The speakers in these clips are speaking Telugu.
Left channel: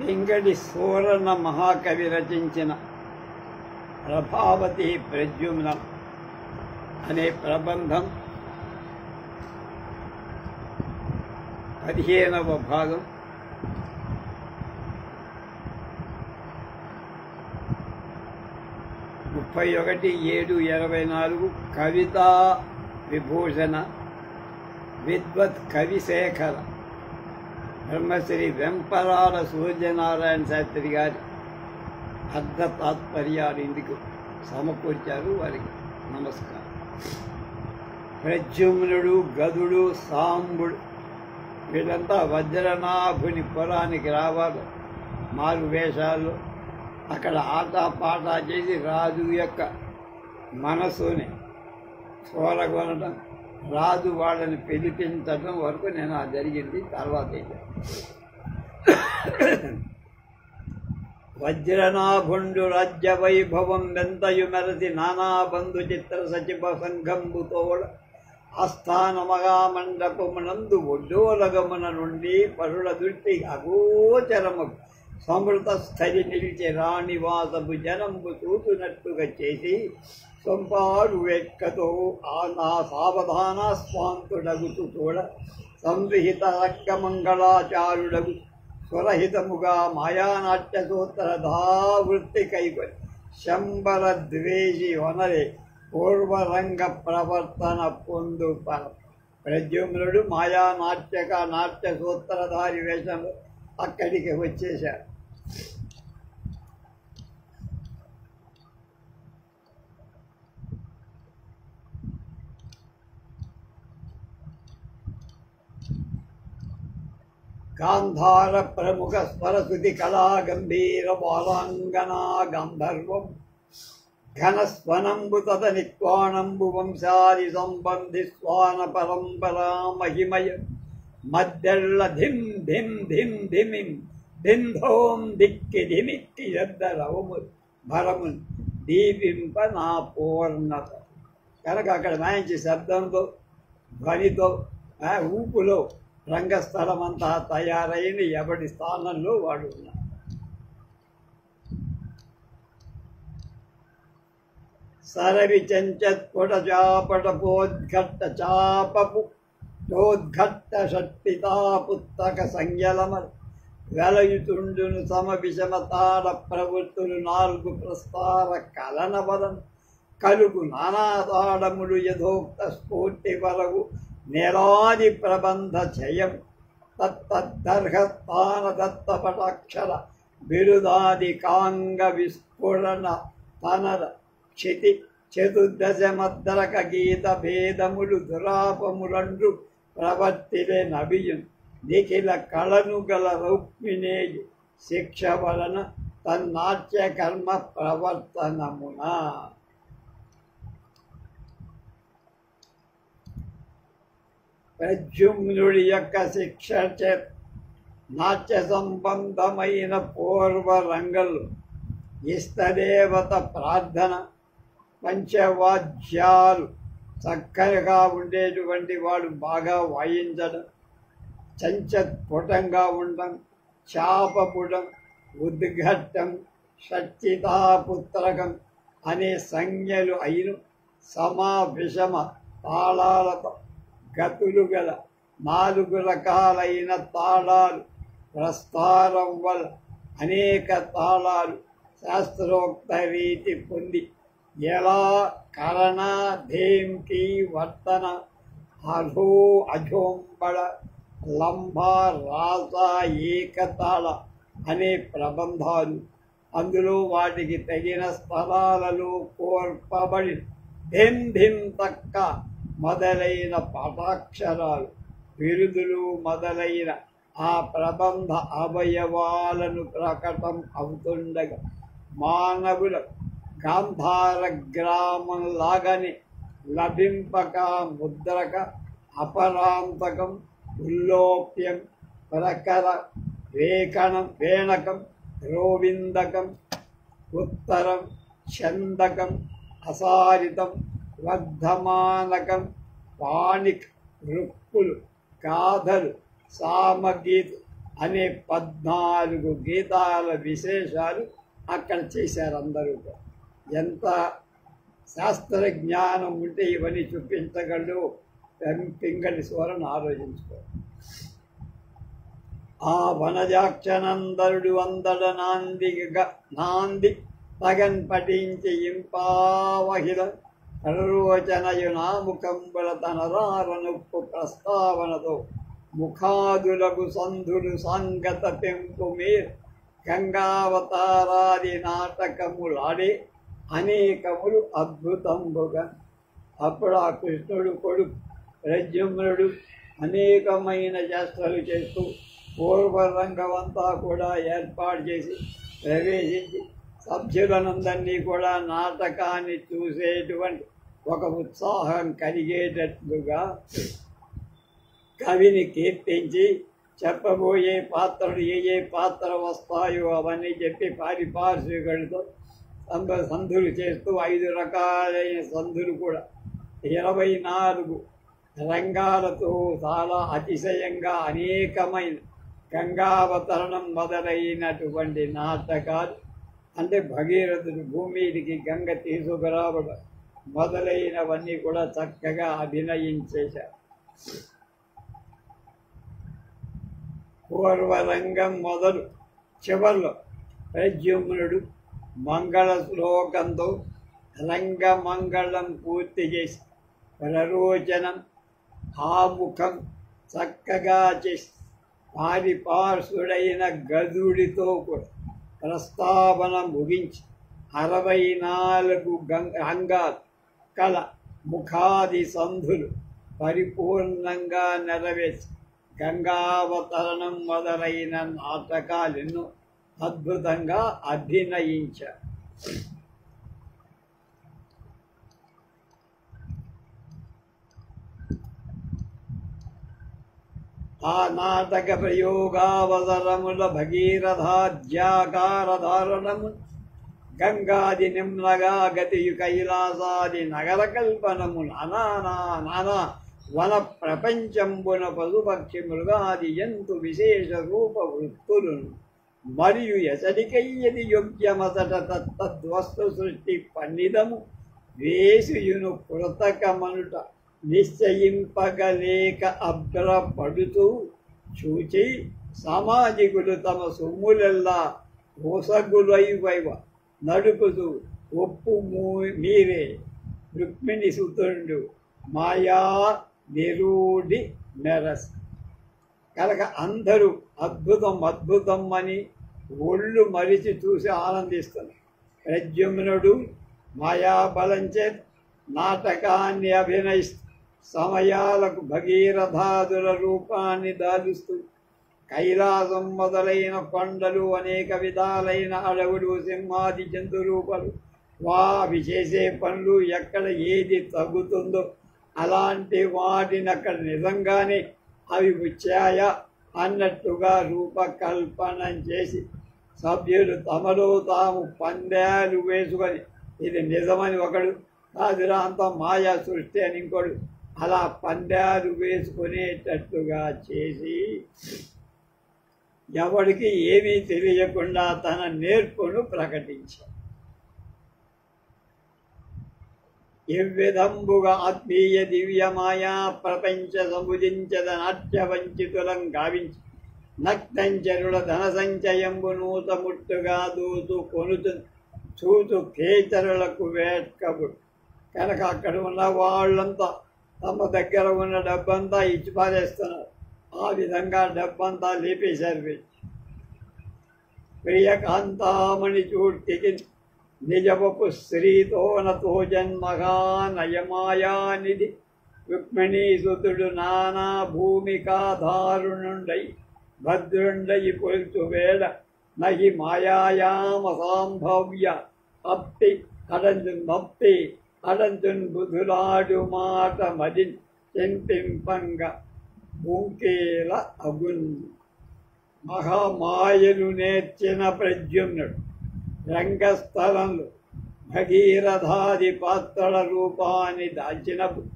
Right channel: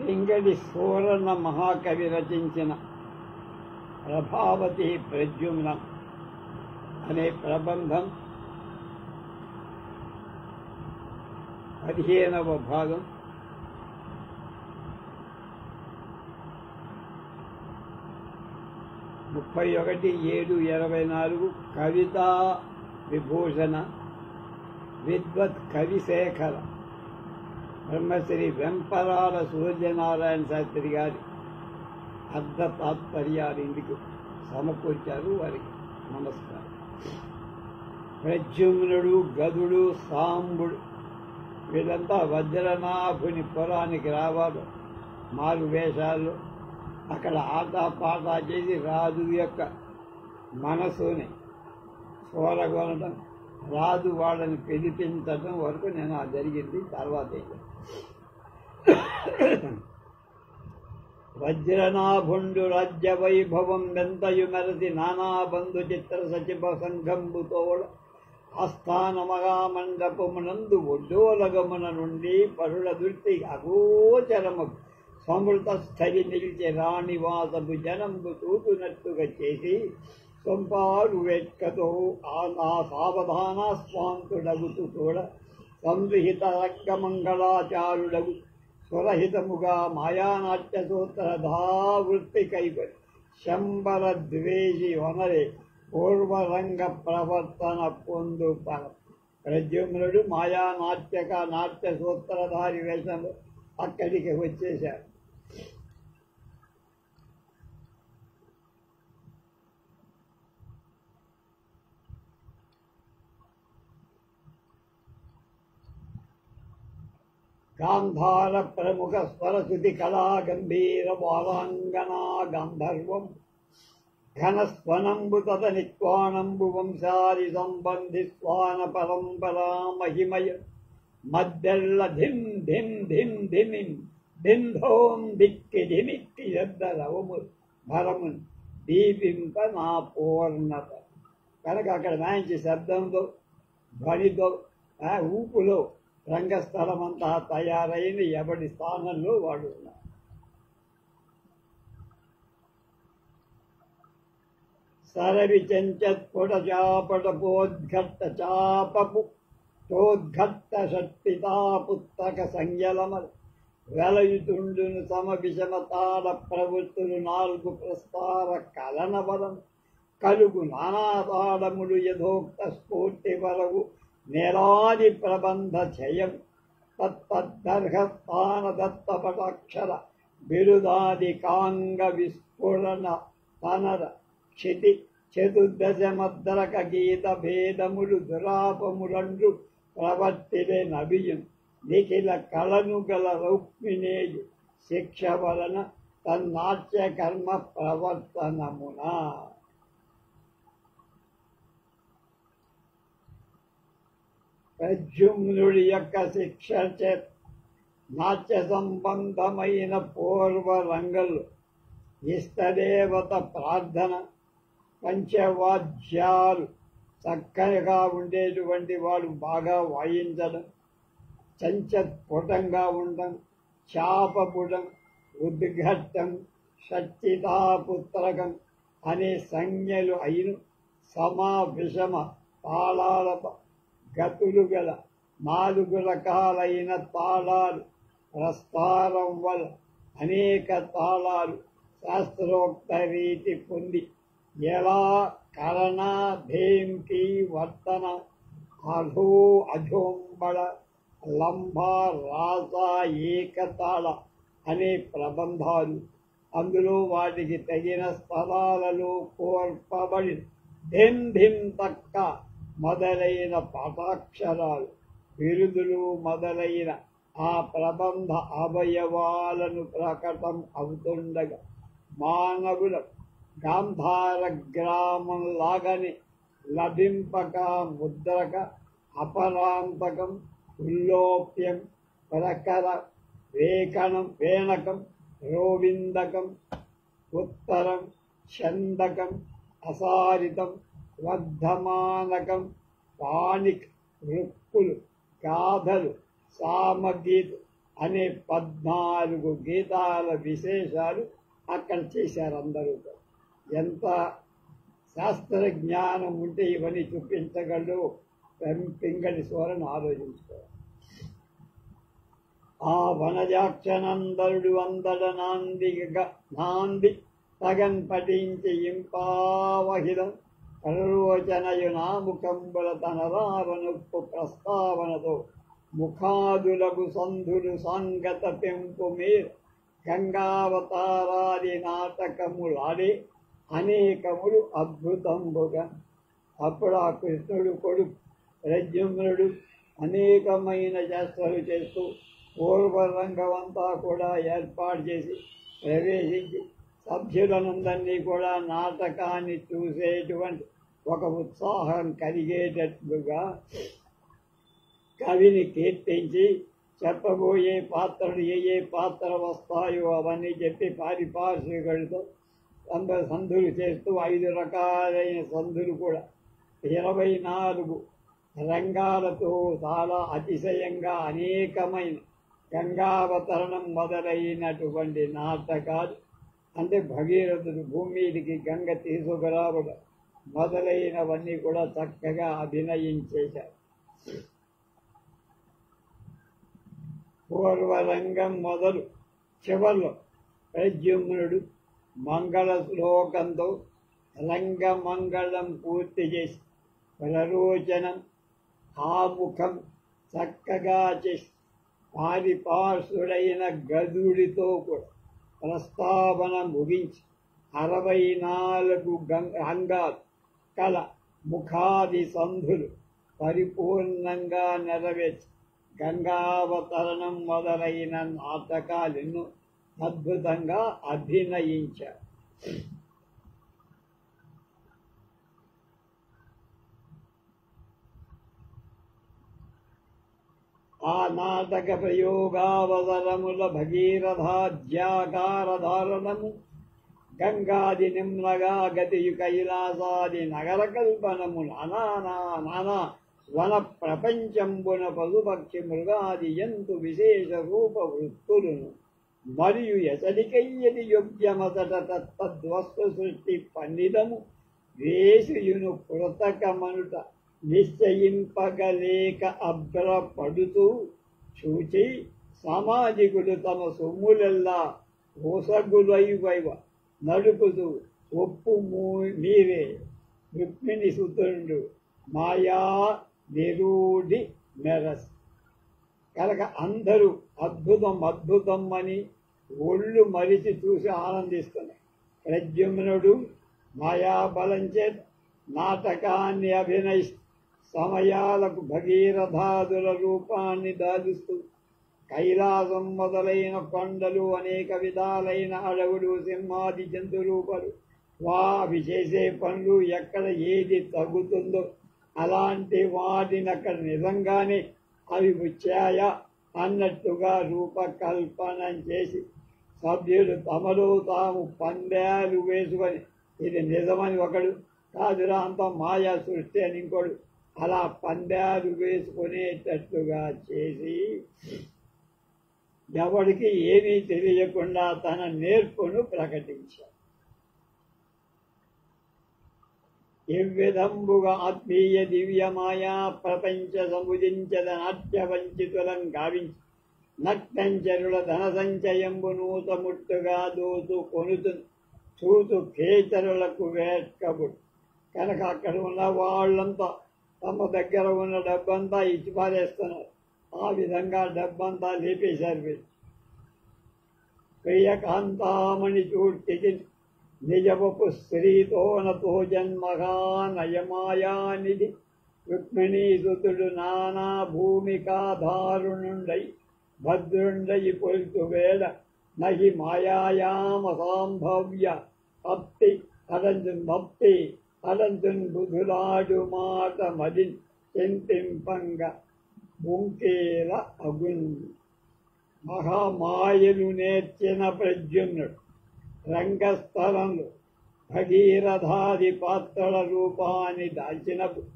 పింగళి సూరణ మహాకవి రచించిన ప్రభావతి ప్రద్యుమ్నం అనే ప్రబంధం 15వ భాగం. (31/7/24) కవితా విభూషణ విద్వత్ కవిశేఖర బ్రహ్మశ్రీ వెంపరాల సూర్యనారాయణ శాస్త్రి గారి అర్థ తాత్పర్యాలు ఇందుకు సమకూర్చారు. వారికి నమస్కారం. ప్రద్యుమ్నుడు, గదుడు, సాంబుడు వీళ్ళంతా వజ్రనాభుని పురానికి రావాలి. 4 వేషాలు అక్కడ ఆటపాటా చేసి రాజు యొక్క మనసుని చూరగొనడం, రాజు వాళ్ళని పిలిపించడం వరకు నేను జరిగింది. తర్వాత వజ్రనాభుండు రాజ్య వైభవం వెంతయు మెరసి నానా బంధు చిత్ర సచివ సంఘంబుతోడ ఆస్థానమగా మండపమునందు ఒడ్డోలగమున నుండి పరుల దృష్టి అగోచరము సమృత స్థలి నిలిచి రాణివాసపు జనంబు చూతున్నట్టుగా చేసి సొంపాడు వెక్కతో ఆ సావధాన స్వాంతుడగుతూ చూడ సంవిహిత రక్కమంగళాచారుడగు స్వరహితముగా మాయానాట్య సూత్రధావృత్తి కైకొని శంబర ద్వేషి వనరే పూర్వరంగ ప్రవర్తన పొందు ప్రద్యుమ్నుడు నాట్య సూత్రధారి వేషంలో అక్కడికి వచ్చేశారు. గాంధార ప్రముఖ స్వరశృతి కళా గంభీర బాలాంగనా గంధర్వం ఘనస్వనంబు తదనిక్వాణంబు వంశాది సంబంధి స్వాన పరంపరా మహిమయ మద్దెళ్ళ ధిం ధిం ధిం ధిమిం ధింధోం దిక్కి ధిమిక్కి యద్దరవము భరము దీపింప నా పూర్ణత. కనుక అక్కడ మంచి శబ్దంతో, ధ్వనితో, ఊపులో రంగస్థలం అంతా తయారైన ఎవడి స్థానంలో వాడు ఉన్నారు. సరవి చెంచత్పుట చాపట పోద్ఘట్ట చాపపు చోద్ఘట్ట షట్టితా పుస్తక సంయలమ వెలయుతుండును సమ విషమ తాడ ప్రవృత్తులు 4 ప్రస్తార కలన బలం కలుగు నానాతాడములు యథోక్త స్ఫూర్తి వరగు నేలాది ప్రబంధ జయం తత్తర్హస్థాన దత్తపటాక్షర బిరుదాది కాంగ విస్ఫురణ తనర క్షితి చతుర్దశమద్రక గీత భేదములు దురాపములండ్రు ప్రవర్తిలే నభియున్ నిఖిల కళను గల రౌక్మినేయు శిక్ష వలన తన్నాట్య కర్మ ప్రవర్తనమున. ప్రద్యుమ్నుడి యొక్క శిక్ష నాట్య సంబంధమైన పూర్వ రంగంలో ఇష్టదేవత ప్రార్థన, పంచవాద్యాలు చక్కగా ఉండేటువంటి వాడు బాగా వాయించడం, చంచత్పుటంగా ఉండడం, చాపపుటం, ఉద్ఘట్టం, షట్చితాపుత్రకం అనే సంజ్ఞలు అయిన సమా విషమ తాళాలతో గతులు గల 4 రకాలైన తాళాలు, ప్రస్తారం వల్ల అనేక తాళాలు శాస్త్రోక్త రీతి పొంది ఎలా కరణ ధేంకి వర్తన అధో అజోంబళ లంబ రాస ఏకతాళ అనే ప్రబంధాలు అందులో వాటికి తగిన స్థలాలలో కోర్పబడి ధిం ధిం తక్క మొదలైన పాఠాక్షరాలు, బిరుదులు మొదలైన ఆ ప్రబంధ అవయవాలను ప్రకటం అవుతుండగా మానవుల గాంధార గ్రామం లాగానే లభింపక ముద్రక అపరాంతకం ఉల్లోప్యం ప్రకర వేణకం రోవిందకం ఉత్తరం చందకం అసారితం వర్ధమానకం పాణిక్ రుక్కులు గాథలు సామగీత్ అనే 14 గీతాల విశేషాలు అక్కడ చేశారు అందరూ. ఎంత శాస్త్ర జ్ఞానం ఉంటే ఇవన్నీ చూపించగలడు పింగళి సోరను ఆలోచించుకోవాలి. ఆ వనజాక్షనందరుడు అందడ నాంది తగన్ పఠించి ఇంపావహిల ప్రరోచనయునాముఖంబుల తనరారనొప్పు ప్రస్తావనతో ముఖాదులకు సంధులు సాంగత పెంపు మీరు గంగావతారాది నాటకములాడే అనేకములు అద్భుతంబుగా. అప్పుడు ఆ కృష్ణుడు కొడుకు ప్రద్యుమ్నుడు అనేకమైన చేష్టలు చేస్తూ పూర్వరంగమంతా కూడా ఏర్పాటు చేసి ప్రవేశించి సభ్యులనందరినీ కూడా నాటకాన్ని చూసేటువంటి ఒక ఉత్సాహం కలిగేటట్లుగా కవిని కీర్తించి చెప్పబోయే పాత్రలు ఏ పాత్ర వస్తాయో అవన్నీ చెప్పి పారిపార్శ్వికులతో సంధులు చేస్తూ 5 రకాలైన సంధులు కూడా 24 రంగాలతో చాలా అతిశయంగా అనేకమైన గంగావతరణం మొదలైనటువంటి నాటకాలు, అంటే భగీరథుడు భూమికి గంగ తీసుకురావడం మొదలైనవన్నీ కూడా చక్కగా అభినయించేశారు. పూర్వరంగం మొదలు చివర్లో ప్రద్యుమ్నుడు మంగళ శ్లోకంతో రంగమంగళం పూర్తి చేసి ప్రరోచనం ఆముఖం చక్కగా చేసి పారిపార్శ్వుడైన గదుడితో కూడా ప్రస్తావన ముగించి 64 అంగాలు కల ముఖాది సంధులు పరిపూర్ణంగా నెరవేర్చి గంగావతరణం మొదలైన నాటకాలను అద్భుతంగా అభినయించారు. ఆ నాటక ప్రయోగావసరముల భగీరథాధ్యాకారధారణము గంగాది నిమ్నగా గతియు కైలాసాది నగర కల్పనము నానా వన ప్రపంచంబున పశుపక్షి మృగాది జంతు విశేష రూప వృత్తులను మరియు ఎసడికయ్యది యోగ్యమసట తద్వస్తు సృష్టి పన్నిదము వేసుయును కృతకమనుట నిశ్చయింపగలేక అభ్రపడుతూ చూచి సామాజికులు తమ సొమ్ములెల్లా ఓసగులైవైవ నడుపుతూ ఒప్పు మీరే రుక్మిణి సుతుడు మాయా నిరూఢి మెరస్ కనుక అందరూ అద్భుతం అద్భుతం అని ఒళ్ళు మరిచి చూసి ఆనందిస్తున్నారు. ప్రద్యుమ్నుడు మాయాబలం చేత నాటకాన్ని అభినయిస్తూ సమయాలకు భగీరథాదుల రూపాన్ని దాలుస్తూ కైలాసం మొదలైన కొండలు అనేక విధాలైన అడవులు సింహాది జంతు రూపాలు అవి చేసే పనులు ఎక్కడ ఏది తగ్గుతుందో అలాంటి వాటిని అక్కడ నిజంగానే అవి వచ్చాయా అన్నట్టుగా రూపకల్పన చేసి సభ్యులు తమలో తాము పందాలు వేసుకొని ఇది నిజమని ఒకడు, కాదురా అంత మాయా సృష్టి అని ఇంకోడు, అలా పందాలు వేసుకునేటట్టుగా చేసి ఎవరికి ఏమీ తెలియకుండా తన నేర్పును ప్రకటించాడు. ఎవ్విధంబుగా ఆత్మీయ దివ్యమాయా ప్రపంచ సముదించద నాట్య వంచితులం గావించి నక్తంచరుల ధన సంచయంబు నూత ముట్టుగా దూతు కొనుతు చూతు కేచరులకు వేట్కబుడు. కనుక అక్కడ ఉన్న వాళ్ళంతా తమ దగ్గర ఉన్న డబ్బంతా ఇచ్చి పారేస్తున్నారు. ఆ విధంగా డబ్బంతా లేపేశారు. ప్రియకాంతామణి చూర్తికి నిజవపు శ్రీతోనతో జన్మగా నయమాయానిధి రుక్మిణీసుతుడు నానా భూమికాధారుణుండై భద్రుండయి కొల్చు వేళ నహి మాయాయామ సాంభవ్య అప్పి అడంజు మప్పి అడంజున్ బుధులాడు మాట మది చెంపింపంగ బుంకేల అగున్. మహామాయలు నేర్చిన ప్రద్యుమ్నుడు రంగస్థలంలో భగీరథాది పాత్రల రూపాన్ని దాల్చినప్పుడు,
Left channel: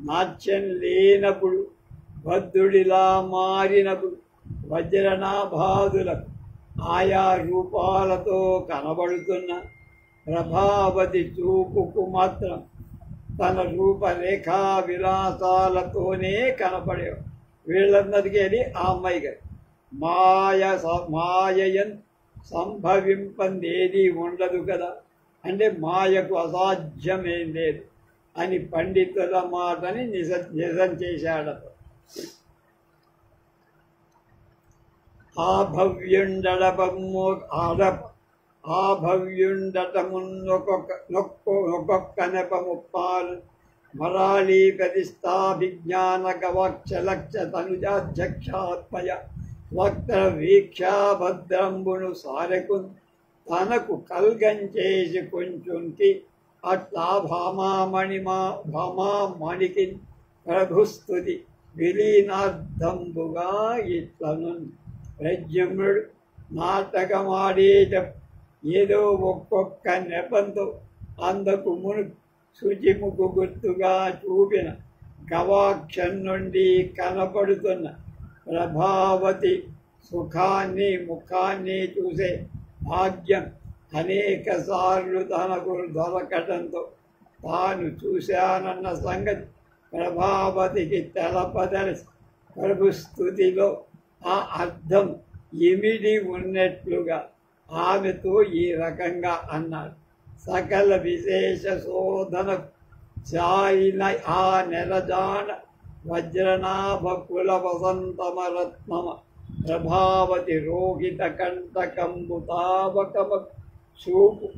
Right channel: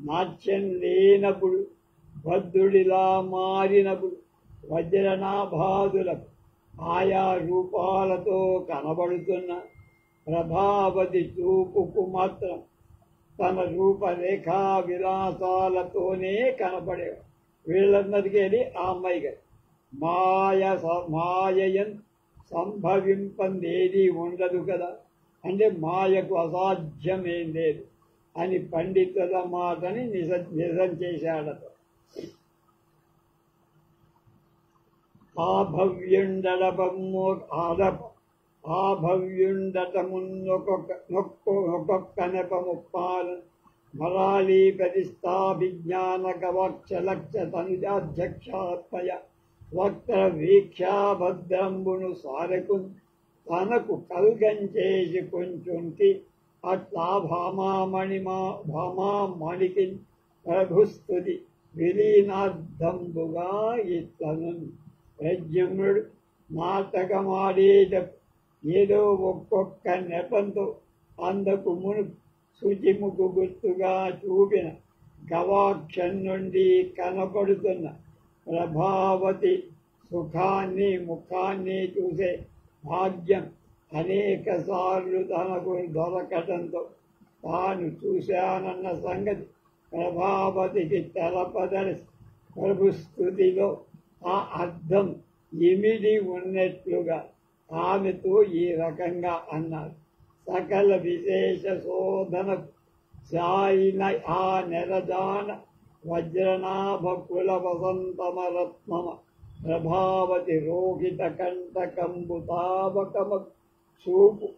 నాట్యం లేనప్పుడు, బద్ధుడిలా మారినప్పుడు వజ్రనాభాదులకు ఆయా రూపాలతో కనబడుతున్న ప్రభావతి చూపుకు మాత్రం తన రూపరేఖా విలాసాలతోనే కనపడేవాడు. వీళ్ళందరికీ అది ఆ అమ్మాయి గారు. మాయయన్ సంభవింపందేది ఉండదు కదా, అంటే మాయకు అసాధ్యమేం లేదు అని పండితుల మాటని నిజం చేశాడట. ఆభవ్యుండటమున్నొక్కొక్క నెపముప్పాలు మరాళీ ప్రతిష్టాభిజ్ఞాన గవాక్షలక్ష తనుజాధ్యక్షాత్మయ వక్త వీక్షాభద్రంబును సారెకు తనకు కల్గంచేసి కొంచుంటి అట్లా భామామణికి ప్రభుస్తుతి విలీనార్థంబుగా ఇట్లను ప్రజ్ఞుడు నాటకమాడేట ఏదో ఒక్కొక్క నెపంతో అందకు శుచిముకు గుర్తుగా చూపిన గవాక్షం నుండి కనపడుతున్న ప్రభావతి ముఖాన్ని చూసే భాగ్యం అనేక సార్లు తనకు దొరకటంతో తాను చూశానన్న సంగతి ప్రభావతికి తెలపదలసి ప్రభుస్తుతిలో ఆ అర్థం ఇమిడి ఉన్నట్లుగా ఆమెతో ఈ రకంగా అన్నాడు. సకల విశేష శోధనకు చాయిన ఆ నెరజాన వజ్రనాభ కుల వసంతమరత్నమ ప్రభావతి రోహిత కంటకంబుతావకమ చూపు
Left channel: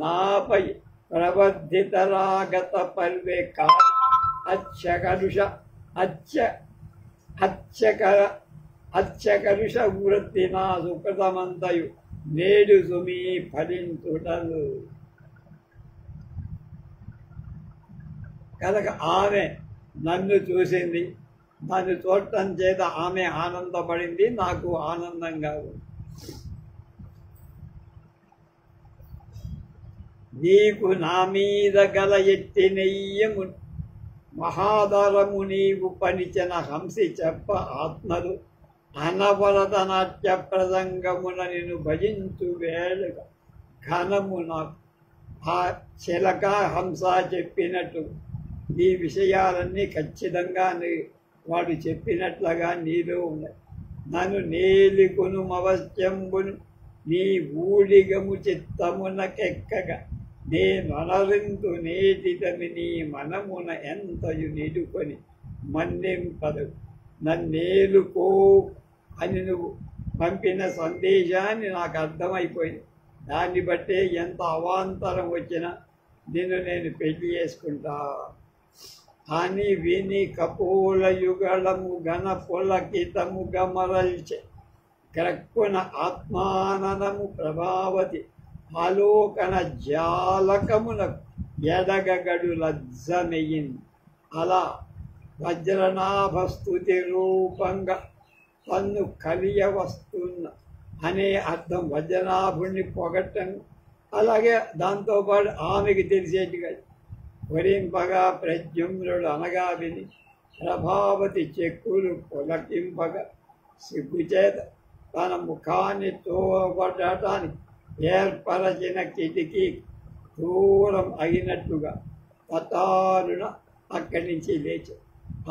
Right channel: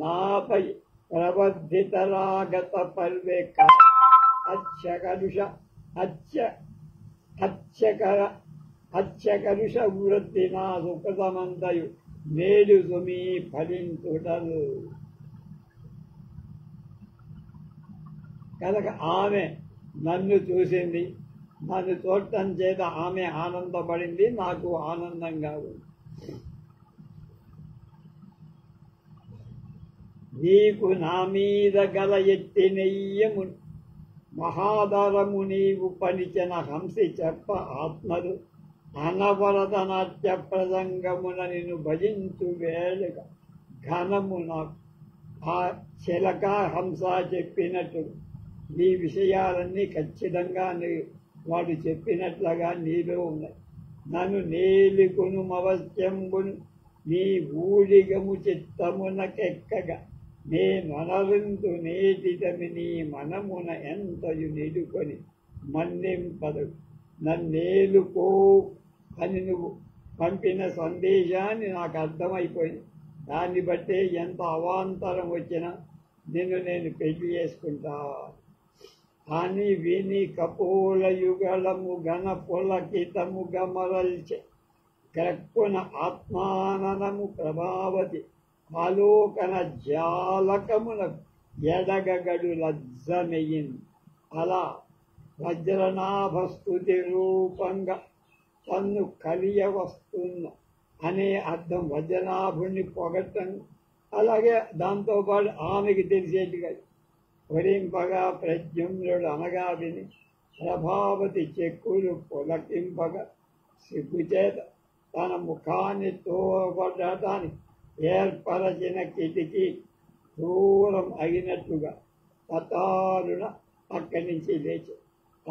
నాపై ప్రవర్ధితరాగత పల్వే అచ్చకలుష వృత్తి నా సుకృతమంతయు నేడు సుమీ ఫలించుటలు. కనుక ఆమె నన్ను చూసింది, నన్ను చూడటం చేత ఆమె ఆనందపడింది, నాకు ఆనందంగా ఉంది. నీకు నా మీద గల ఎట్టి నెయ్యము మహాదరము నీవు పనిచిన హంసి చెప్ప ఆత్మలు అనవరత నాట్య ప్రసంగమున నిన్ను భజించు వేళగా ఘనము నాకు ఆ చిలక హంస చెప్పినట్టు నీ విషయాలన్నీ ఖచ్చితంగా వాడు చెప్పినట్లుగా నీలో ఉన్నాయి. నన్ను నేలికొను అవశ్యంబును నీ ఊడిగము చిత్తమునకెక్కగా నేనొనరింతు నేటితమి నీ మనమున ఎంతయు నిడుకొని మన్నింపదు. నన్నేలుకో అని నువ్వు పంపిన సందేశాన్ని నాకు అర్థమైపోయింది. దాన్ని బట్టే ఎంత అవాంతరం వచ్చినా నిన్ను నేను పెళ్లి చేసుకుంటా అని విని కపోల యుగళము గణ పులకితము గమరల్చె క్రక్కున ఆత్మాననము ప్రభావతి ఆలోకన జాలకమునకు ఎడగగడు లజ్జమెయింది. అలా వజ్రనాభస్తుతి రూపంగా తన్ను కలియ వస్తున్న అనే అర్థం వజ్రనాభుణ్ణి పొగట్టం. అలాగే దాంతోపాటు ఆమెకి తెలిసేట్టుగా వరింపగా ప్రద్యుమ్నుడు అనగా విని ప్రభావతి చెక్కులు పొలకింపగా సిగ్గుచేత తన ముఖాన్ని తోబడటానికి ఏర్పరచిన కిటికీ దూరం అయినట్లుగా తతారున అక్కడి నుంచి లేచి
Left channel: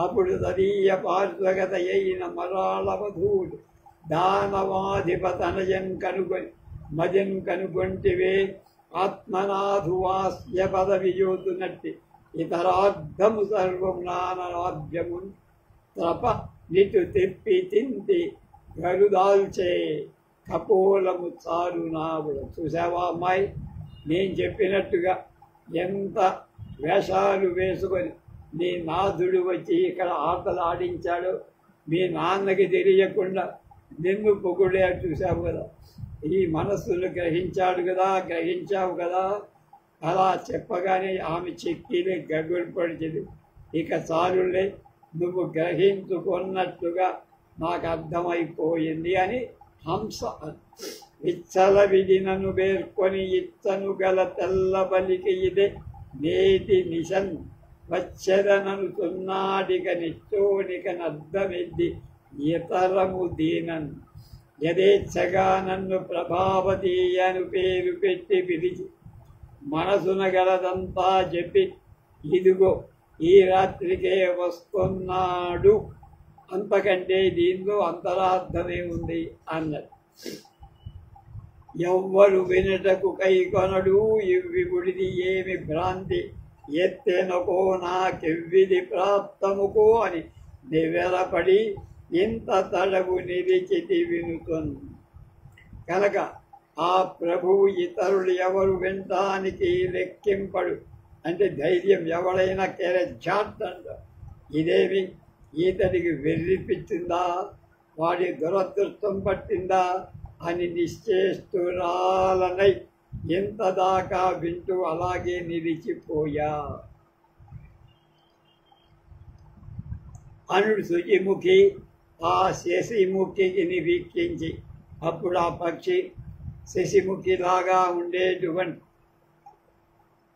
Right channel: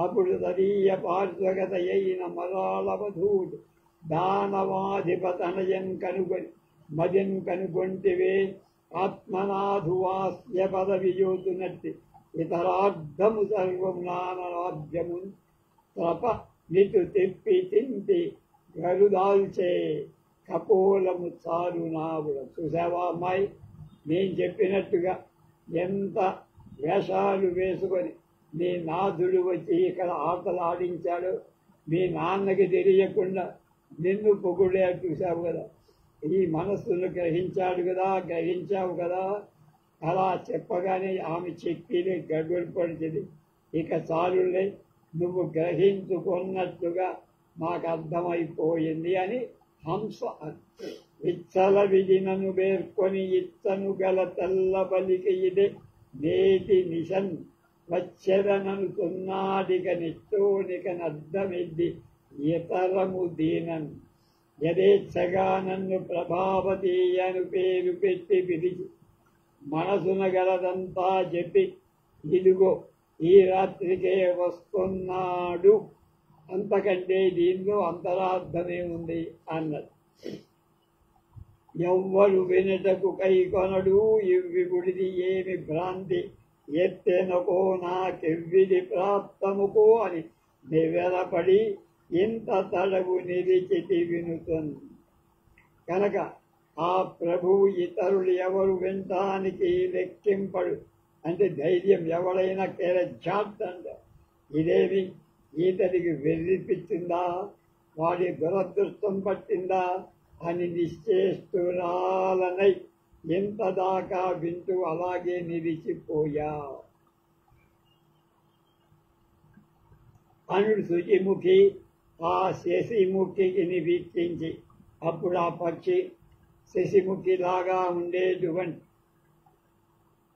అప్పుడు తదీయ పార్శ్వగత అయిన మరాళవధూడు దానవాధిపతనయం కనుగొని మదిం కనుగొంటివే ఆత్మనాథువాస్య పదవియోతునట్టి ఇతరార్థము సర్వం నానాద్యము త్రప నిటు తిప్పి తింటి గరుదాల్చే కపోలము చారు నావుడ. చూసావా అమ్మాయి, నేను చెప్పినట్టుగా ఎంత వేషాలు వేసుకొని నీ నాథుడు వచ్చి ఇక్కడ ఆటలు ఆడించాడు, మీ నాన్నకి తెలియకుండా నిన్ను పొగుడే చూశావు కదా, ఈ మనస్సును గ్రహించావు కదా. అలా చెప్పగానే ఆమె చెక్కిని గగుడిపడిచింది. ఇక చాలులే, నువ్వు గ్రహించుకున్నట్టుగా నాకు అర్థమైపోయింది అని హంస విచ్చల విధినను పేర్కొని ఇచ్చను గల తెల్లబలికి ఇదే నేటి నిశన్ వచ్చెదనను తున్నాడిక నిచ్చోనిక నద్దమెద్ది ఇతరము దీనన్ యథేచ్ఛగా నన్ను ప్రభావతి అని పేరు పెట్టి పిలిచి మనసున గలదంతా చెప్పి ఇదిగో ఈ రాత్రికే వస్తున్నాడు, అంతకంటే దీనిలో అంతరార్థమే ఉంది అన్నది. ఎవ్వరు వినుటకు కైకొనడు ఇవ్విగుడిది ఏమి భ్రాంతి, ఎత్తెనకో నాకెవ్విది ప్రాప్తముకో అని నివ్వెరపడి ఇంత తడవు నిలిచితి వినుతుంది. కనుక ఆ ప్రభువు ఇతరులు ఎవరు వినటానికి లెక్కింపడు. అంటే ధైర్యం ఎవడైనా కేరజాంట ఇదేమి ఈతడికి వెర్రిపించిందా, వాడి దురదృష్టం పట్టిందా అని నిశ్చేష్టురాలనై ఇంతదాకా వింటూ అలాగే నిలిచిపోయా. అనుడు శుచిముఖి ఆ శశిముఖికి వీక్షించి, అప్పుడు ఆ పక్షి శశిముఖిలాగా ఉండేటువంటి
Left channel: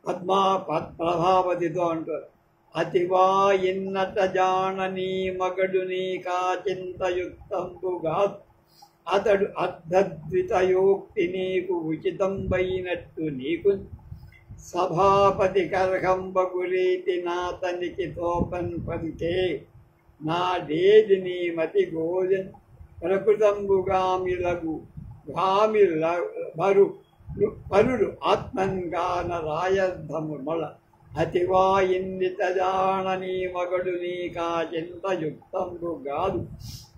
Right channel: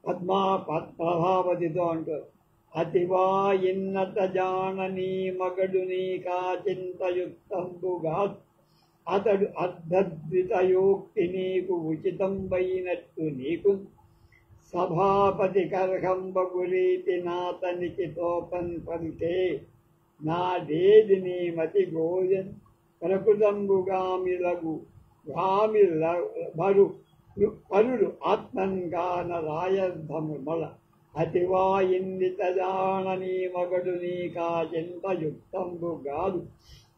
ప్రభావతితో అంటారు, అతివా ఇన్నట జాననీ మగడు నీకా చింతయుక్తంబుగా అతడు అర్ధద్వితయోక్తి నీకు ఉచితంబైనట్టు నీకు సభాపతి కర్హంబగురీతి నాతనికి తోపన్ పలికే నాడేది నీ మతి గోజన్ ప్రకృతంబుగామిలగు గామిలరు పరుడు ఆత్మంగాన రాయర్థము మొల అతివా ఇన్నిత జాననీ మగడు నీకా చింతయుక్తంబు గాదు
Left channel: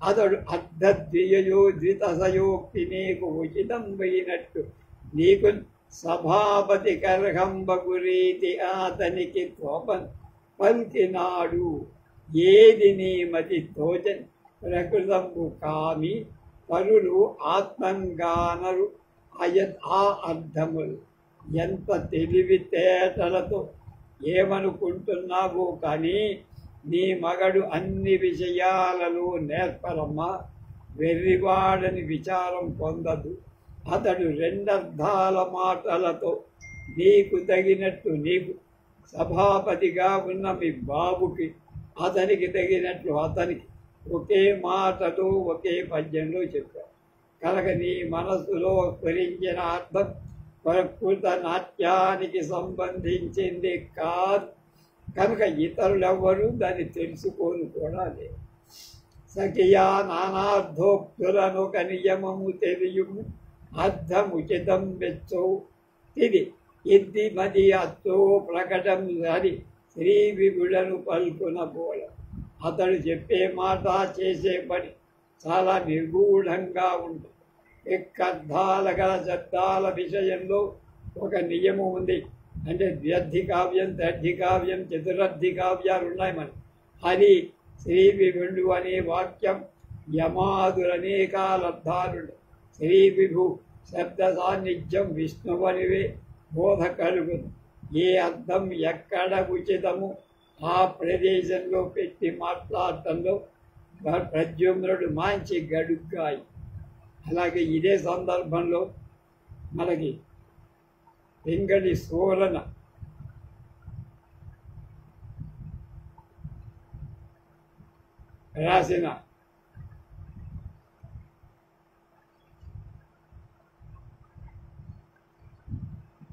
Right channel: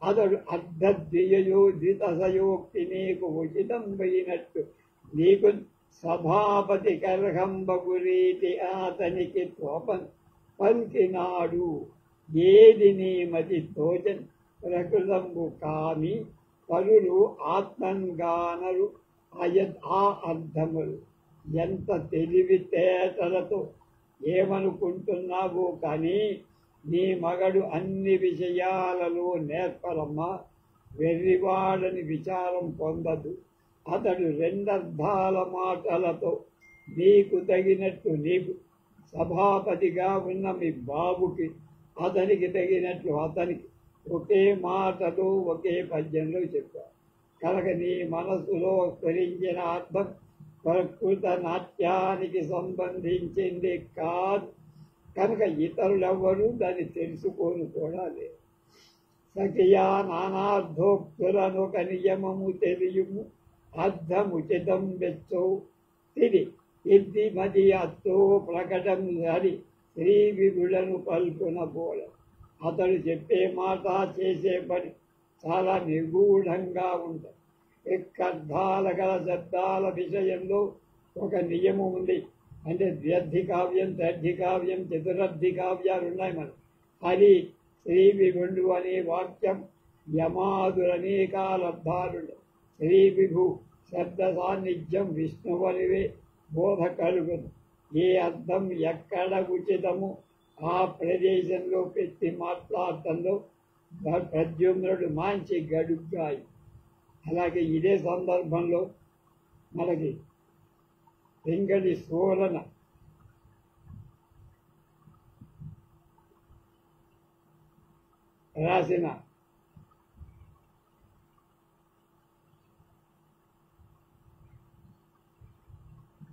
అతడు ద్వితసయోక్తి నీకు ఉచితంబైనట్టు నీకు సభాపతి కర్హంబగురీతి అతనికి తోపన్ పల్కినాడు. ఏది నీ మతి తోచన్ ప్రకృతంబు కామి పరులు ఆత్మంగానరు ఆ అర్థములు. ఎంత తెలివితేటలతో ఏమనుకుంటున్నావు కానీ నీ మగడు అన్ని విషయాలలో నేర్పరమ్మా. వెర్రివాడని విచారం పొందదు. అతడు రెండర్థాల మాటలతో నీకు తగినట్టు నీకు, సభాపతిగా ఉన్న మీ బాబుకి అతనికి తగినట్లు అతనికి ఒకే మాటలో ఒకే పద్యంలో చెప్పారు. కనుక నీ మనస్సులో స్ఫురించిన అర్థం ప్రకృత నాట్యానికి సంబంధించింది కాదు. కనుక ఇతరులెవ్వరూ దాన్ని తెలుసుకోను కూడా లేదు. సఖియా నానార్థోక్తులనొక నియమము తెలియము అర్థముచితం వెచ్చో తిది ఇద్ది మది అత్తో ప్రకటం సరి శ్రీ విభుడను పల్కున పోల. అతడు చెప్పే మాట చేసే పని చాలా నిగూఢంగా ఉంటుంది. ఎక్కర్థాల గల శబ్దాల విషయంలో ఒక నియమం ఉంది. అంటే ద్వ్యర్థి కావ్యం, త్రర్థి కావ్యం, చతురర్థి కావ్యాలు ఉన్నాయి మన. అది శ్రీ విభుడు అనే వాక్యం యమాదురనేకాలర్థాలు. శ్రీ విభు శబ్ద సాన్నిధ్యం విష్ణువనివే బోధ కలుగును. ఏ అర్థం ఎక్కడ ఉచితము ఆ ప్రదేశంలో పెట్టి మాట్లాడటంలో ప్రద్యుమ్నుడు మంచి గడుగ్గాయి. అలాగే ఇదే సందర్భంలో మనకి వెంకటి సూరన రాసిన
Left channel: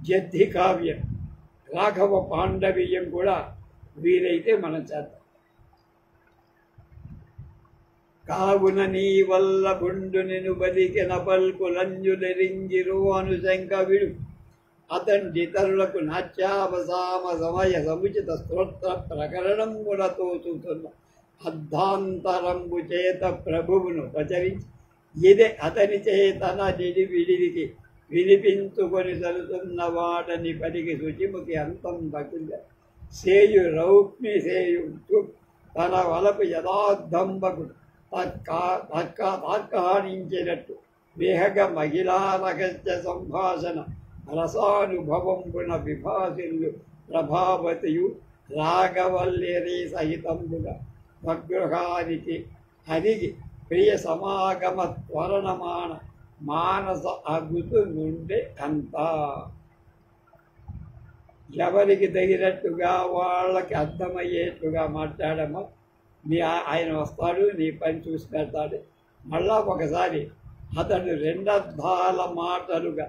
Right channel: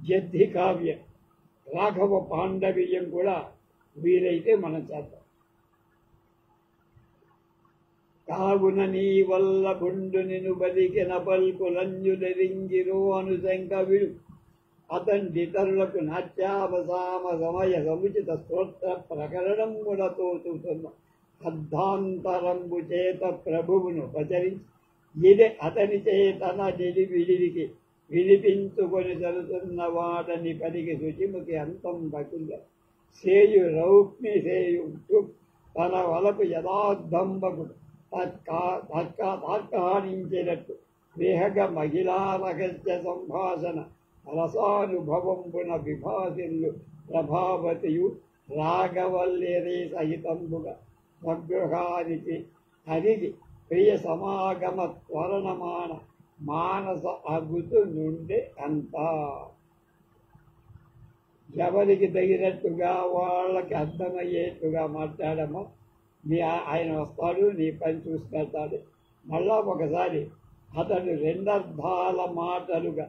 జద్ధి కావ్యం, రాఘవ పాండవీయం కూడా వీలైతే మనం చేద్దాం. కావున నీ వల్ల బుండు నిను బలికిన పల్కులంజులరింగిరు అనుశంక విడు అతండితరులకు నాట్యావసామ సమయ సముచిత స్తోత్ర ప్రకరణములతో చూస్తున్న అర్ధాంతరంబు చేత ప్రభువును ప్రచరించి ఇదే అతని చేతన విడికి వినిపించుకొని తలుతున్న వాడని పలికి శుచిముఖి అంతం బకుల సేయు రౌక్మి సేయు తన వలపు యథార్థంబకుడు తార్కాణించినట్టు వేహగ మహిళా రహస్య సంభాషణ రసానుభవంబున విభాసిల్లు ప్రభావతియు రాగవల్లిరీ సహితంబుగా స్వగృహానికి అరిగి ప్రియ సమాగమ త్వరణమాన మానస అగుతు నుండి అంతా. ఎవరికి తగినట్టుగా వాళ్ళకి అర్థమయ్యేట్టుగా మాట్లాడమో ఆయన వస్తాడు, నీ పని చూసి పెడతాడు. మళ్ళా ఒకసారి అతడు రెండర్థాల మాటలుగా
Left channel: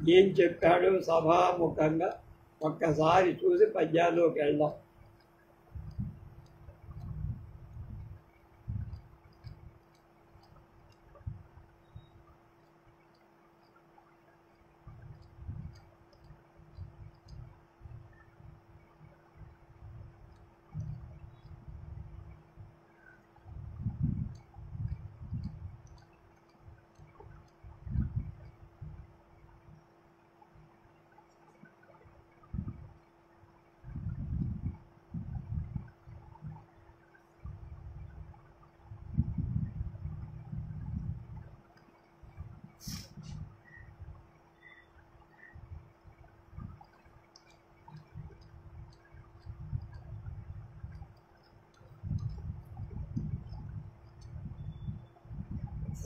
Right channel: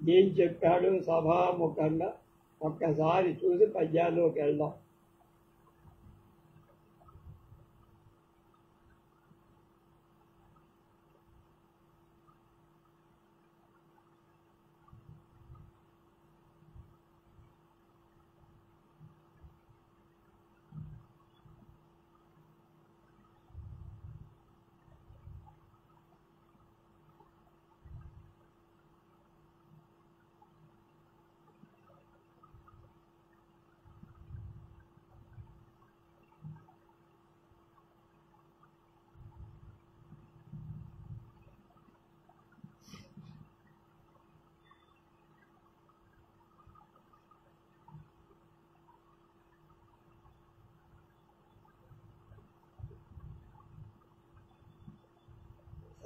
ఏం చెప్పాడు సభాముఖంగా ఒక్కసారి చూసి పద్యాల్లోకి వెళ్దాం.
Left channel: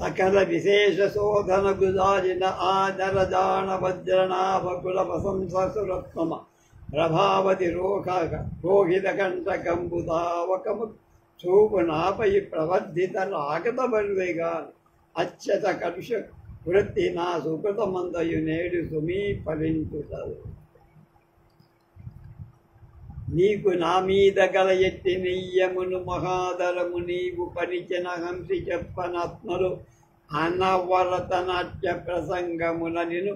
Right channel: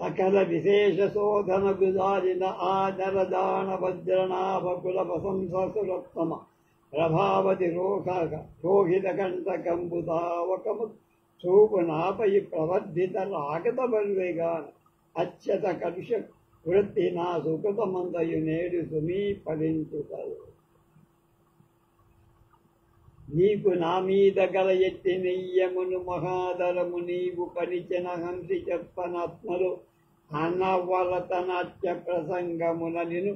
సకల విశేష శోధన గుదారిన ఆదరజాన వజ్రనాభకుల ప్రశంససురత్నమ ప్రభావతి రోహిత కంటకంబుదావకము చూపు నాపై ప్రవర్ధిత రాగత బరువేగా అత్యత కలుష వృత్తి నా సుకృతమందయు నేడు సుమీ ఫలించుతారు. నీకు నా మీద గల ఎట్టి నెయ్యమును మహాదరము నీవు పరిచిన హంసి చెప్పనాత్మలు అనవరత నాట్య ప్రసంగముల నిను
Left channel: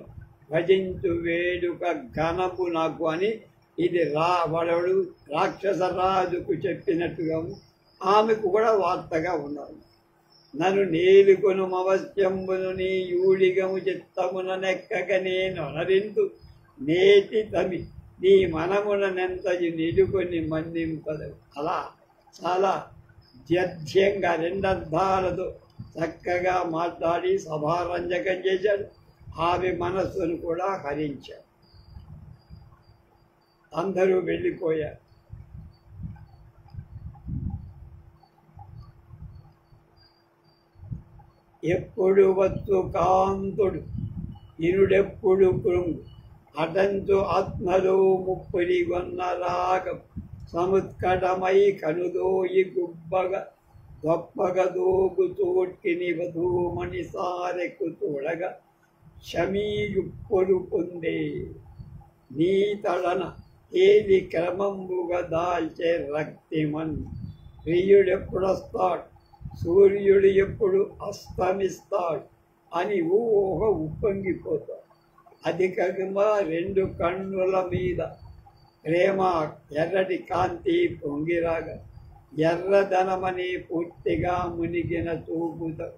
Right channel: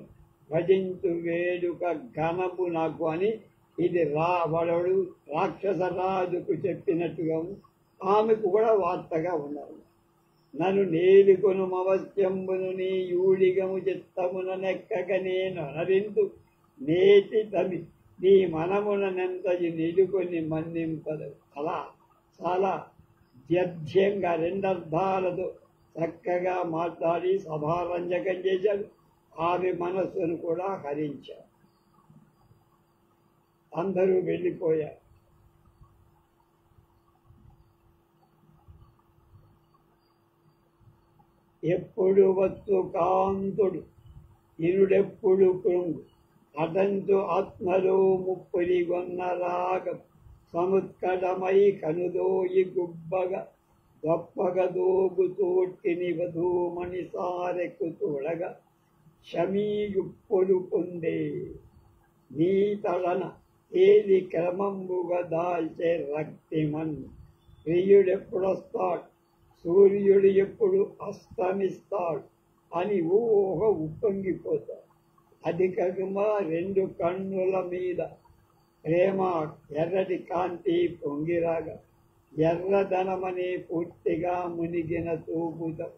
భజించు వేడుక ఘనము నాకు అని ఇది రావణుడు రాక్షసరాజుకు చెప్పినట్టుగా ఆమెకు కూడా వార్తగా ఉన్నారు. నన్ను నేలుకొను అవశ్యంబును నీ యూడిగము చిత్తమున నెక్కగ నేను అనరింతు నేటి తమి నీ మనముననెంతయు నిలుకొని మన్నింపదు. అలా చాలా ద్యధ్యంగా రెండర్థాలతో చక్కగా మాట్లాడి సభారంజకం చేశాడు. ఆమె మనస్సును కూడా హరించాడు. అందరూ వెళ్ళిపోయారు. ఎప్పుడు వచ్చు కాంతుడు ఇరుడెప్పుడు కృంగు అటంచు ఆత్మలో ముప్పులి గొన్న రాగం సముత్కటమై కనుదోయి గుబ్బగ గొప్పగ దోగు తోట్టిని వధూమణి సారెకు తోడగ శమీయుప్పుడు పొందే నీ తడన ఏది క్రమంబుగా దాల్చే రక్తిమన్ ప్రియుడెప్పుడొస్తాడు సూర్యుడు ఎప్పుడు అస్తమిస్తాడు అని ఊహ ఉప్పొంగిపోతాడు. అధికంగా రెండు కన్నుల మీద ప్రేమ ఎర్రటి కాంతి పొంగిరాగా ఎర్రదనమని పూర్తిగా మునిగిన చూపుతో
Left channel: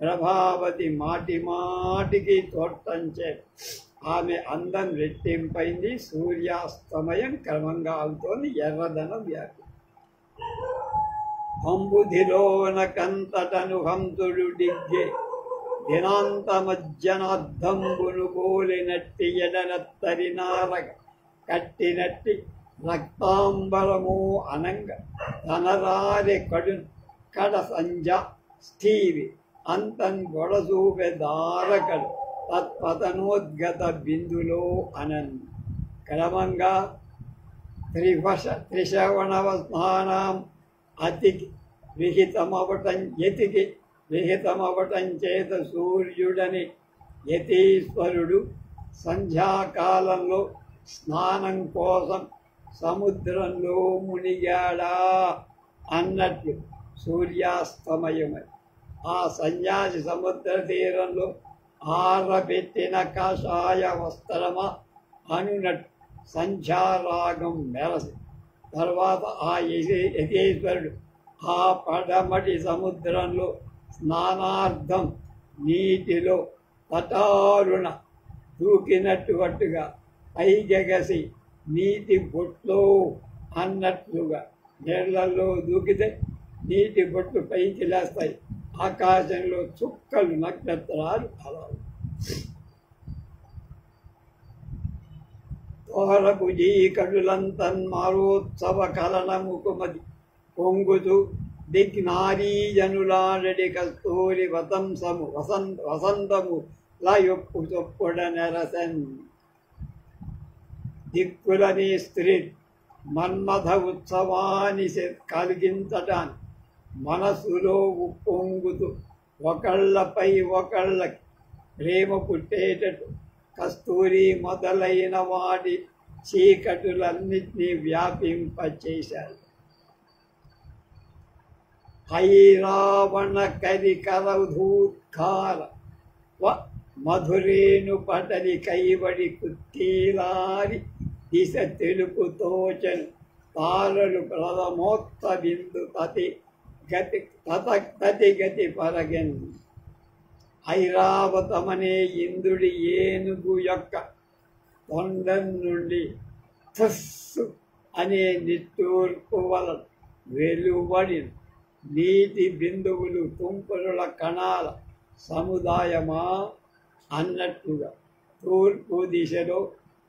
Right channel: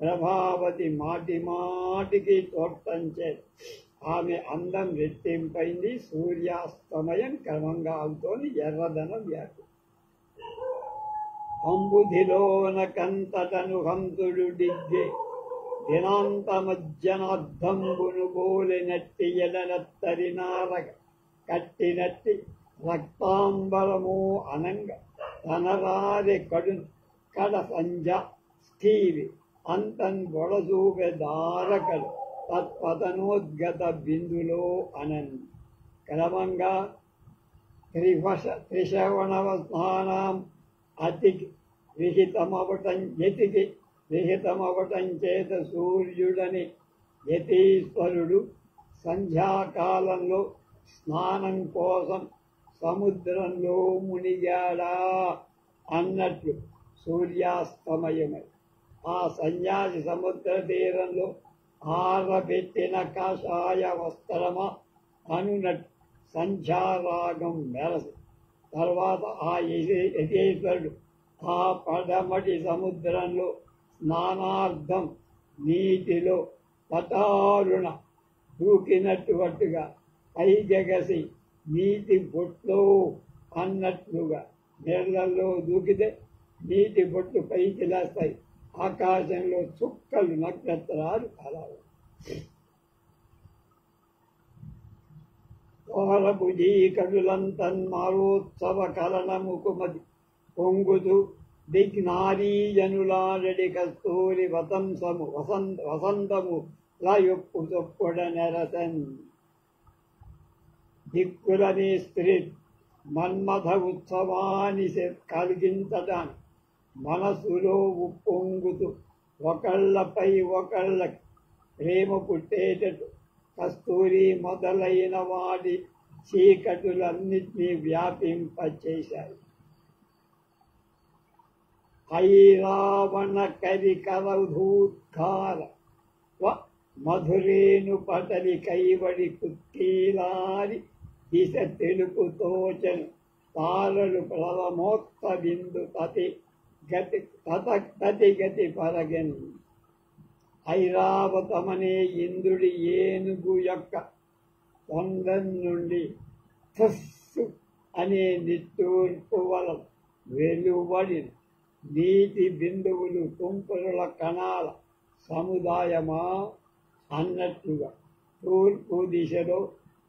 ప్రభావతి మాటి మాటికి తోటంచే ఆమె అందం రెట్టింపైంది. సూర్యాస్తమయం క్రమంగా అవుతోంది. ఎర్రదనం వ్యాపి అంబుధిలోన కంతటను హంతుడు డిగ్గే దినాంత మజ్జనార్థంబును బోలినట్టి ఎడనత్తరినారగ కట్టినట్టి రక్తాంబరము అనంగ తనరారి కడ సంజ స్థీవి అంతన్ గొడసూపె దారకలు తత్పతనోద్గత బిందులో అనన్ క్రమంగా త్రిశ్రవణవ స్నానం అతికి విహితమవటం చేత సూర్యుడని యతీశ్వరుడు సంధ్యాకాలంలో స్నానం కోసం సముద్రంలో మునిగాడా అన్నట్లు సూర్యాస్తమయమై ఆ సన్యాసి సముద్ర తీరంలో ఆరబెట్టిన కాషాయ వస్త్రమా అనునట్టు సంధ్యారాగం మెరసి తర్వాత ఆ యతీశ్వరుడు ఆ పడమటి సముద్రంలో స్నానార్థం నీటిలో తటారుణ దూకినట్టుగా పైకెగసి నీటి బొట్లో అన్నట్లుగా నీళ్లలో దూకితే నీటి బొట్లు పైకి లేస్తాయి. ఆకాశంలో చుక్కలు నక్షత్రాలు అలా తోరభుజీకడులంతన్మారోత్సవ కలనముకుమది పొంగుతూ దిగ్నారీజనులాడడి కస్తూరి వసంతము లయొప్పు చొప్పుడ నెరసన్ దిక్కులని స్త్రీ మన్మథ ఉత్సవాన్ని కలిగించటాన్ని మనసులో ఉప్పొంగుతూ ఒకళ్ళపై ఒకళ్ళకి ప్రేమ పుట్టేటట్టు కస్తూరి మొదలైన వాటి చీకటులన్నిటినీ వ్యాపింపచేశారు. ఐరావణ కరికరధూత్కార మధురేను పటలి కైవడి కుత్తీలారి దిశ తెలుపు తోచను తారలు ప్రథమోత్త బిందు తతి గతి పరగన్. ఐరావతమనే ఇంద్రుడి ఏనుగు యొక్క తొండం నుండి థస్సు అనే నిట్టూర్పు వలన వెలువడి నీటి బిందువులు తుంపరుల కణాల సముదాయమా అన్నట్టుగా తూర్పు దిశలో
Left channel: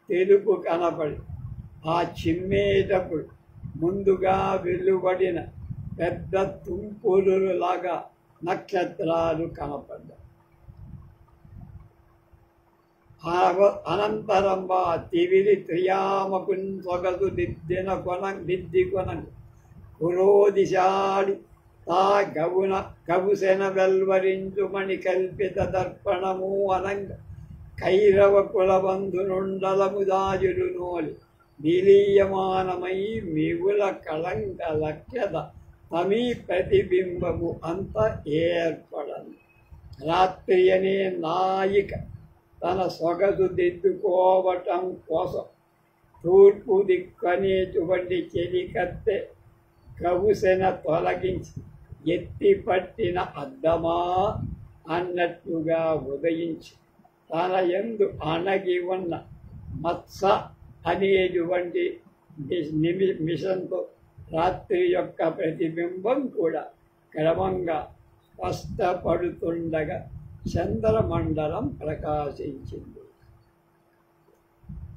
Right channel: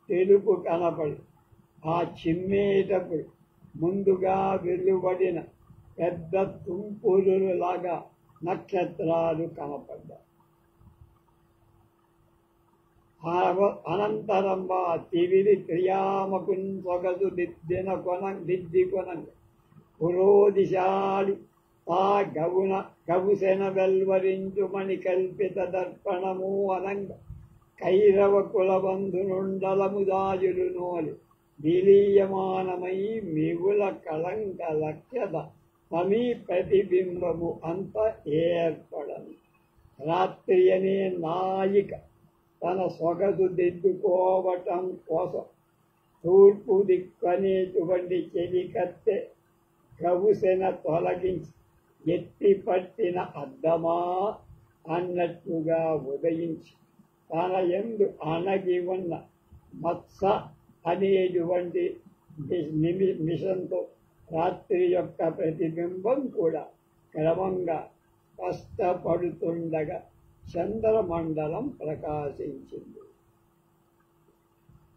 తెలుపు కనపడి ఆ చిమ్మేటప్పుడు ముందుగా వెలువడిన పెద్ద తుంపురులాగా నక్షత్రాలు కనపడ్డాయి. అనంతరం తివిరి త్రియామకున్ సొగసు దిద్ది కొనను పురోదిశాడి తా గవుసెన వెల్వరించుమణి కల్పిత దర్పణము అనంగ కైరవ కులబంధునుండలము దాజులు నోలి నిలీయమానమై మిగుల కళంక లక్ష్యత తమీ ప్రతిబింబము అంత ఏర్పడను. రాత్రి అనే నాయిక తన సొగసు దిద్దుకోవటం కోసం తూర్పు దిక్కనేటువంటి చెలికత్తె గవుసెన తొలగించి ఎత్తి పట్టిన అద్దమా అన్నట్టుగా ఉదయించి తన యందు అణగి ఉన్న మత్స అనేటువంటి మిషన్తో రాత్రి యొక్క ప్రతిబింబం కూడా క్రమంగా స్పష్టపడుతుండగా చంద్రమండలం ప్రకాశించింది.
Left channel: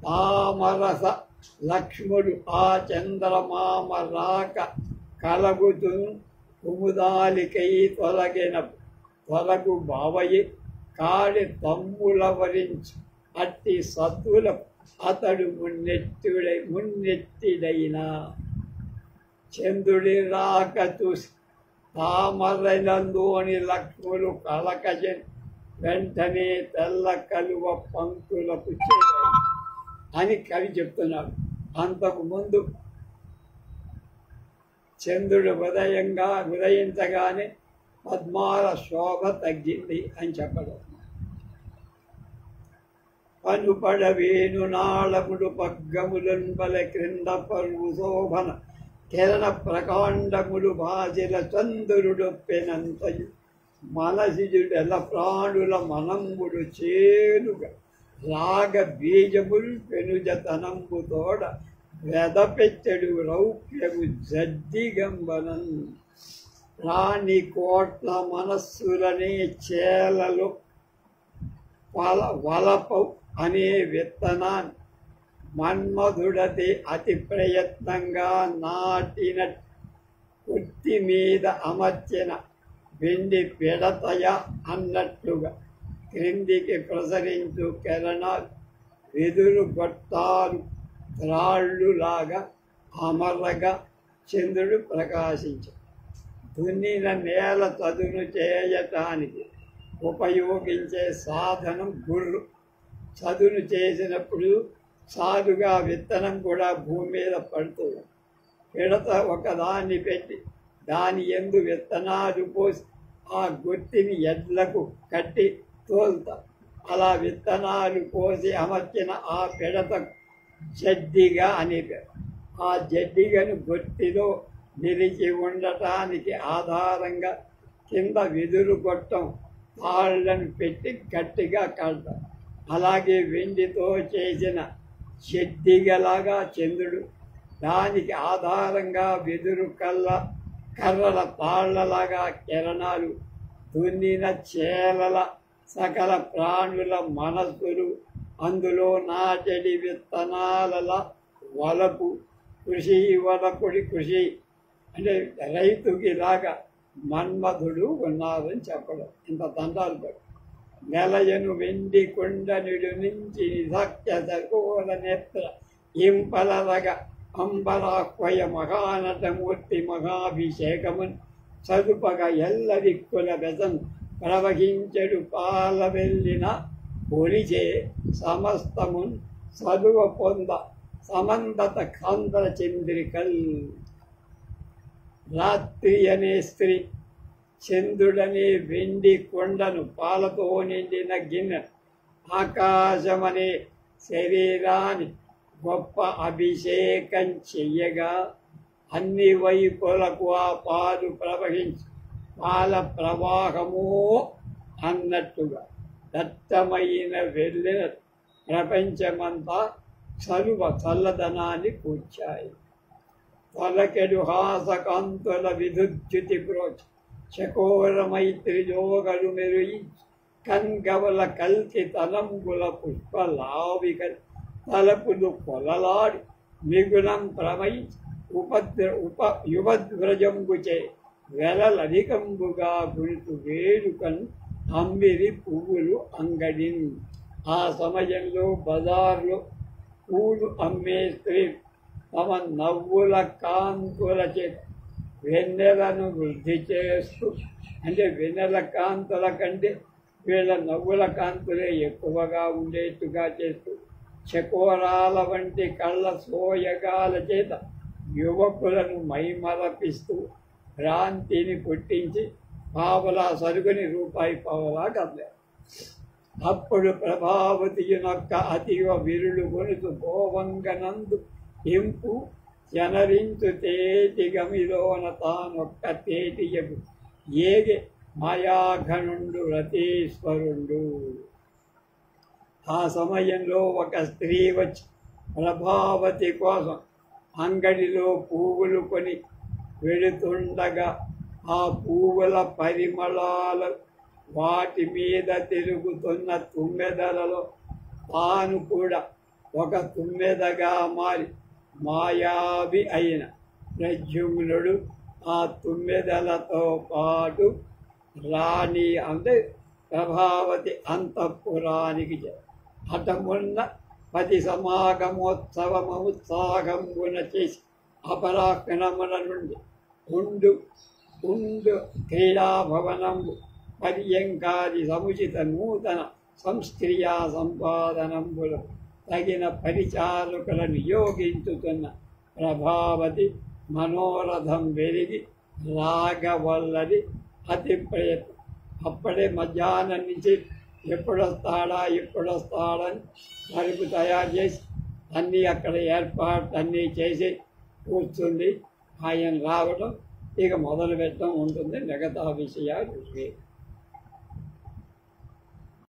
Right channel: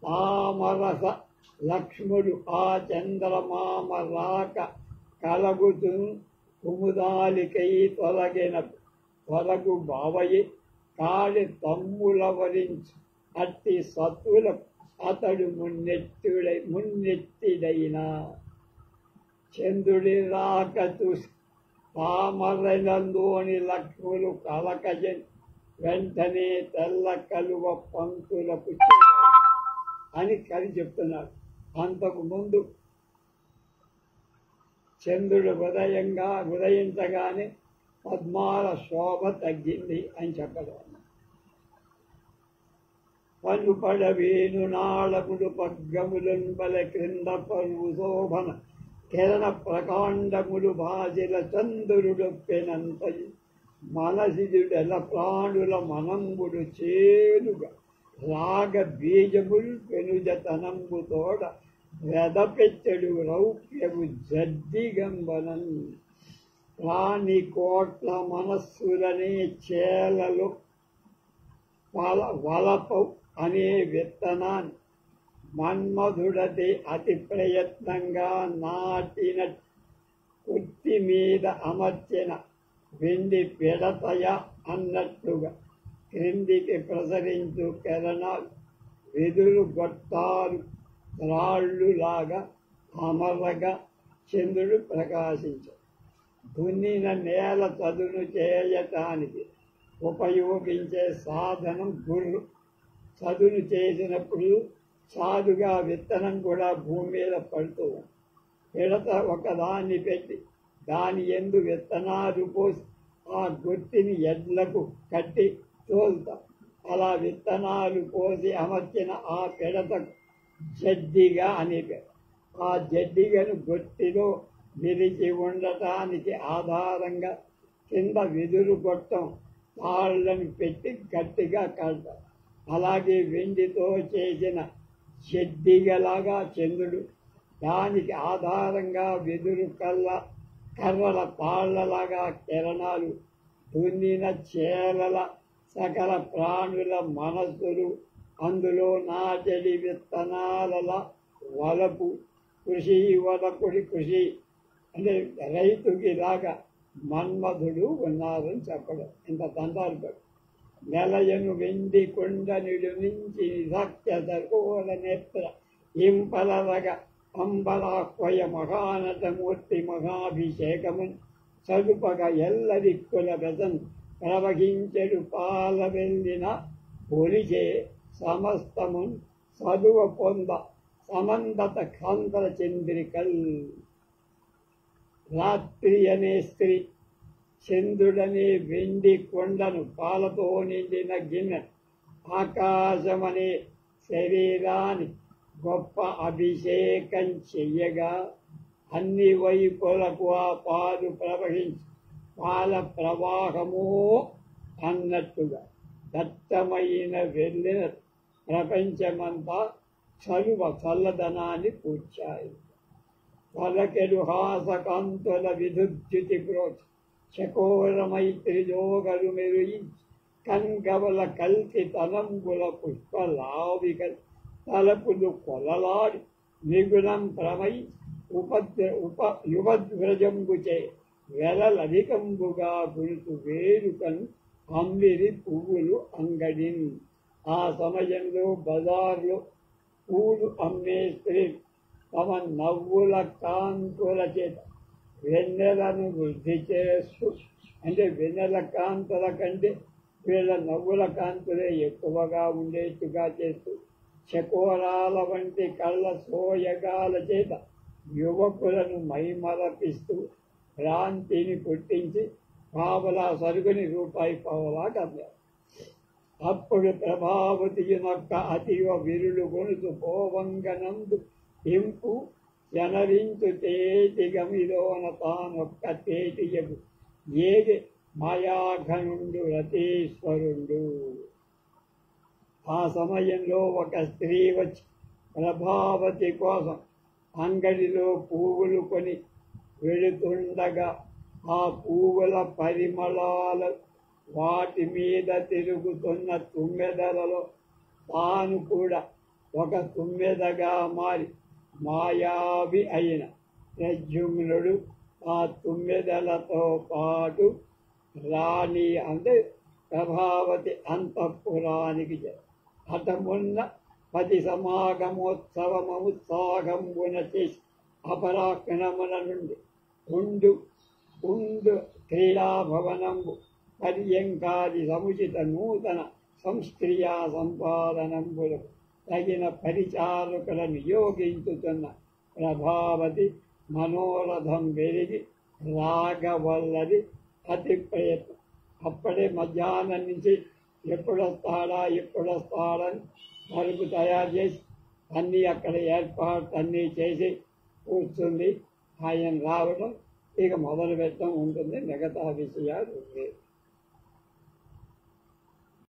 తామరస లక్ష్ముడు ఆ చంద్రమామ రాక కలగుతూ కుముదాలికై తొలగు బావయి కాడి తమ్ముల వరించి అట్టి సత్తులకు అతడు మున్నెత్తిడైనా చంద్రుడి రాక చూసి తామరనందోని లక్ష్ములు కలకజన్ వెంటనే తెల్ల కలువ పంక్తులకు అని కవి చెప్తున్నాడు. అంతకుముందు చంద్రుడు ఉదయించగానే పద్మాల శోభ తగ్గింది అని చెప్పడం. పనుపడవేను నాళముడు పగ్గములుంబల క్రింద పరువు శోభన కిరణ ప్రకాండములు భాషల చంద్రుడొప్పెనంతయు మనసిజుడెల ప్రాణుల మనంబుడు చేనుగా రాగ బీజముల్ పెనుజతనంబు తోడ వెదపెచ్చడు రౌప్యము జడ్డిగంబనం. రాణి కోట్ల మనస్సులనే చేలలో వలప అనే విత్తనాన్ని మన్మధుడతి అతి ప్రయత్నంగా నాటిన కుర్తి మీద అమర్చిన వెండి పిడతయ అన్నట్టుగా క్రిందికి ప్రసరించు కిరణాలు వెదురు గొట్టాలు త్రాళ్ళులాగా అమరగా చంద్రుడు ప్రకాశించాడు. దున్నిన నేల చదును చేయటానికి ఉపయోగించే సాధనం గుర్రు. చదును చేసినప్పుడు సాధుగా విత్తనం కూడా భూమి మీద పడుతూ పిడత ఒకదాన్ని పెట్టి దాని యందు విత్తనాలు పోసి ఆ గుర్తిని ఎడ్లకు కట్టి తోలుతా. అలా విత్తనాలు పోసి అమర్చిన ఆ పిడత జడ్డిగా అని పేరు. ఆ జడ్డిగను గొట్టిలో నిలిచి ఉండటానికి ఆధారంగా కింద వెదురు గొట్టం తాళ్లను పెట్టి గట్టిగా కడతారు. అలాగే వెండితో చేసిన జడ్డిగలాగా చంద్రుడు, దానికి ఆధారంగా వెదురు కర్రల తాళ్లలాగా కిరణాలు, దున్నిన చేలల సకల ప్రాణుల మనస్సులు, అందులో నాటడి విత్తనాల వలపు కృషి అంటే రైతుకిలాగా మన్మధుడు ఉన్నారని చెప్పడం. ఇంత తంటాలు పడు. నెలయను వెండి కొండనుడు నుంచి నిధక్య సకోల నేత్ర ఇంపలరగ అంబరాక్వయ మహానటమూర్తి మహాభిషేకమున్ చదుపగా ఎల్లదిక్కుల వ్యసన్ ప్రవహించెడు పాల వెళ్ళిన ఒలిచే సమస్తమున్ చదువ పొంద సమందత కాంతల చంద్రికల్. రాత్రి అనే స్త్రీ, చంద్రుడనే వెండి కొండను, పాలతో నిండిన గిన్నె, ఆకాశమనే శరీరాన్ని గొప్ప అభిషేకం చెయ్యగా అన్ని వైపులకు ఆ పాలు ప్రవహించి పాల ప్రవాహము అన్నట్టుగా దట్టమైన వెళ్ళిన ప్రపంచమంతా చల్లదనాన్ని కూర్చాయి. పలకెడు హాసకాంతుల విద్యుతి ప్రోచ చకోర మైత్రి జోగలు మెరుయించి కంగవల కల్కి తలంబుల పుష్పలావిక తలపులు కొలలాడి మిగులం ప్రమయించి యువద్వ్రజంబుచే వెలలధికంబుగా గురుతు వేడుకను అమ్మిరి పువ్వులు అంగడిన్. ఆ సమయంలో బజార్లో పూలు అమ్మే స్త్రీ తమ నవ్వుల కాంతుల చేత వెన్నెలను వృద్ధి చేస్తూ, అంటే వెన్నెల కాంతుల కంటే వీళ్ళ నవ్వుల కాంతులే ఎక్కువగా ఉండేట్టుగా చేస్తూ, చకోరాల వంటి కళ్ళ సోయగాల చేత యువకులను మైమరపిస్తూ భ్రాంతిని పుట్టించి పావలా సరుకుని రూపాయి పావలా కమ్మారు. అప్పుడు ప్రభావతియునొక్క అతివ విరులు గొనుతు పోవంగనందు ఇంపు జనరించు తేటి గమిలోన తానొక్క తేటియగు ఏగే మాయాఘనుండు రతీశ్వరుండు. ఆ సమయంలో ఒక స్త్రీ వచ్చి ప్రభావతి కోసం అంగడిలో పువ్వులు కొని వెళుతుండగా ఆ పువ్వుల పరిమళాలు వాటి మీద తిరుగుతున్న తుమ్మెదలలో తాను కూడా ఒక తుమ్మెదగా మారి మాయావి అయిన ప్రద్యుమ్నుడు ఆ తుమ్మెదలతో పాటు రాణి అంటే ప్రభావతి అంతఃపురానికి హఠమున్న 10 సమాగమోత్సవముత్సాహంబున చేసి అపరాహ్నముల నుండి ఉండు క్రీడాభవనంబు పర్యంకాది సముచిత నూతన సంస్క్రియా సంపాదనంబులు తగిన పరిచారకులను నియోగించుతున్న ప్రభావతి మనోరథం వెలిగి రాగవల్లది అతి ప్రయత్నం. అప్పుడే మధ్యాహ్నం నుంచి ఎప్పుడొస్తాడని పరుపు తయారు చేసి అన్నీ అక్కడ ఏర్పాటు అన్నీ చేసి కూర్చుంది. ఆయన రావడం ఇక మొదలు పెట్టడం ఉంటుంది. మిగతా విషయాలు